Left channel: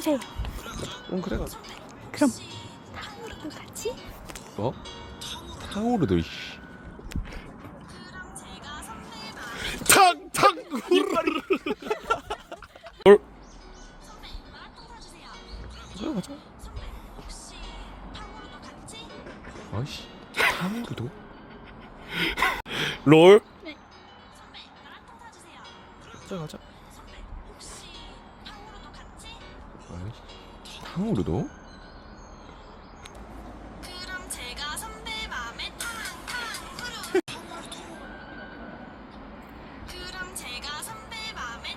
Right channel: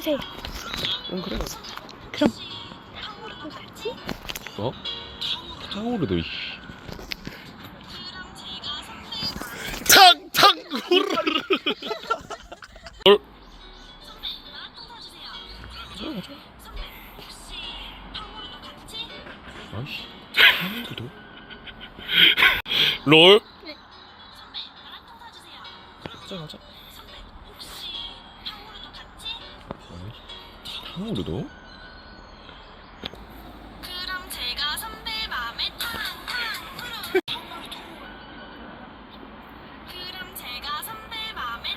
주세요. 응 그래 가자 그럼 탕후루도 같이? 어? 탕후루도 이씨 탕! 탕후루 어? 가자 가자 아이씨 탕후루도? 롤? 가자 가자 탕후루도? 그럼 제가 선배 맘에 탕탕후루 그럼 제가 선배 맘에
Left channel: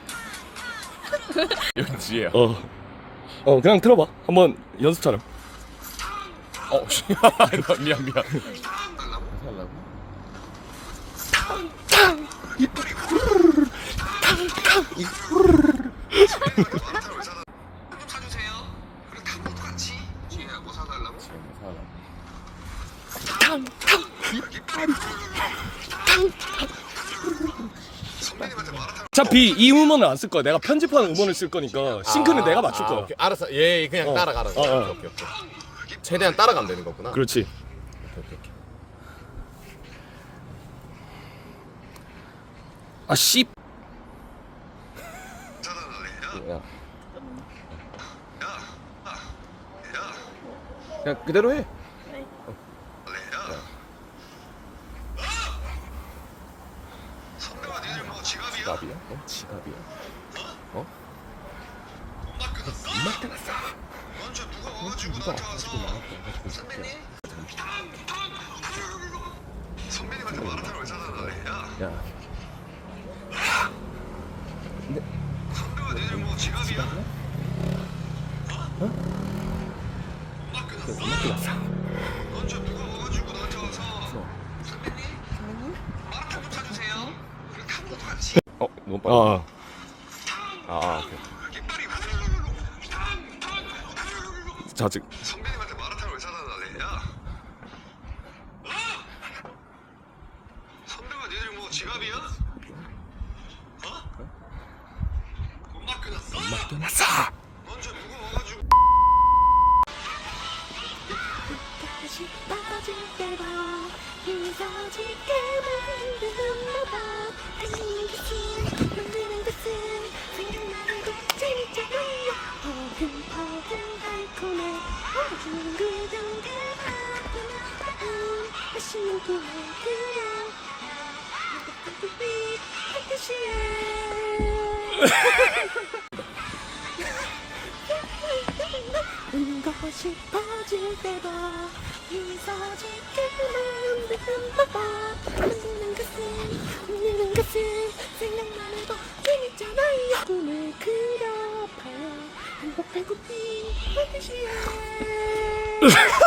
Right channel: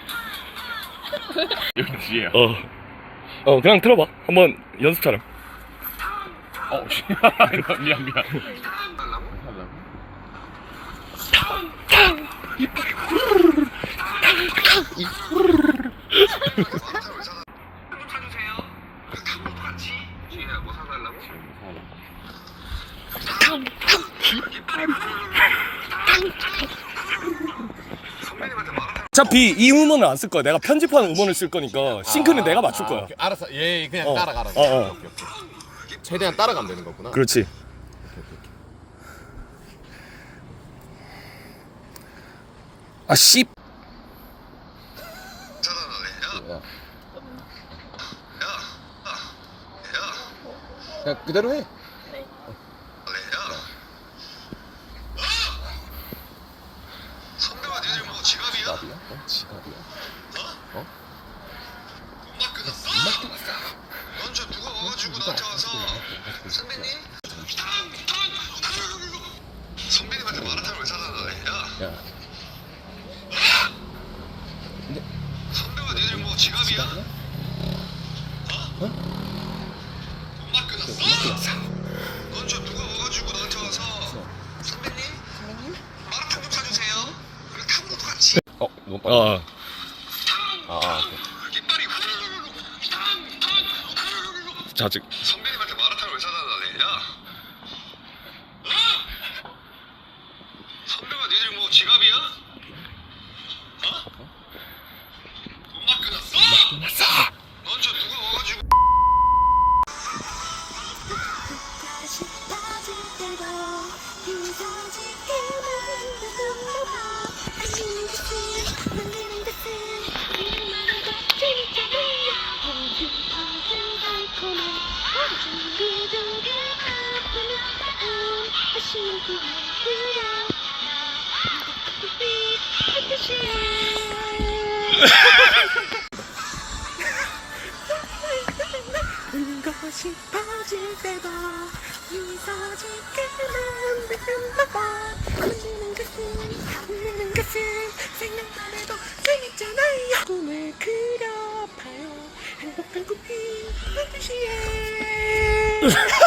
탕탕후루 역시야. 어. 어, 그냥 들어봐. 한번 연습처럼. 어, 씨. 미안, 미안. 사주세요. 탕후루 같이 뭐 사달라고? 선배님한테 말하는 어차피 이 음원을 안 쓸 거야. 내가 편집하는 음원을 쓸 거니까 싱크는 내가 맞출 거야. 오케이, 알았어. 얘 그냥 어. 따라가라. 어, 어. 오케이, 오케이. 최대한 따라가면 되는 거구나. 그렇지. 오케이, 오케이. 아, 씨. 그냥 그대로 해. 지갑이야? 어? 지갑이야? 어? 엄마 끊었어? 엄마 끊었어. 먼저 누가 와가지고 나한테 와서 선배님? 선배님한테 걸 사달라 야 야, 선배가 니들 뭐 지갑이야? 지갑이야? 어? 엄마 끊었어? 엄마 끊었어. 먼저 누가 와가지고 나한테 와서 선배님? 마라탕 좀 사주세요 그럼 탕후루 같이 어, 너무 빨리. 어. 아, 아, 오케이. 자, 즉. 선배님한테 마라탕을 왜 사달라래? 야 선배가 니들 뭐 지갑이야? 어? 엄마 끊었어? 엄마 끊었어. 먼저 누가 와가지고 울고 싶어질 때 도 미소 짓게만 되나 봐 만드는 것은 그려봐요 행복한 꿈이 반드시 해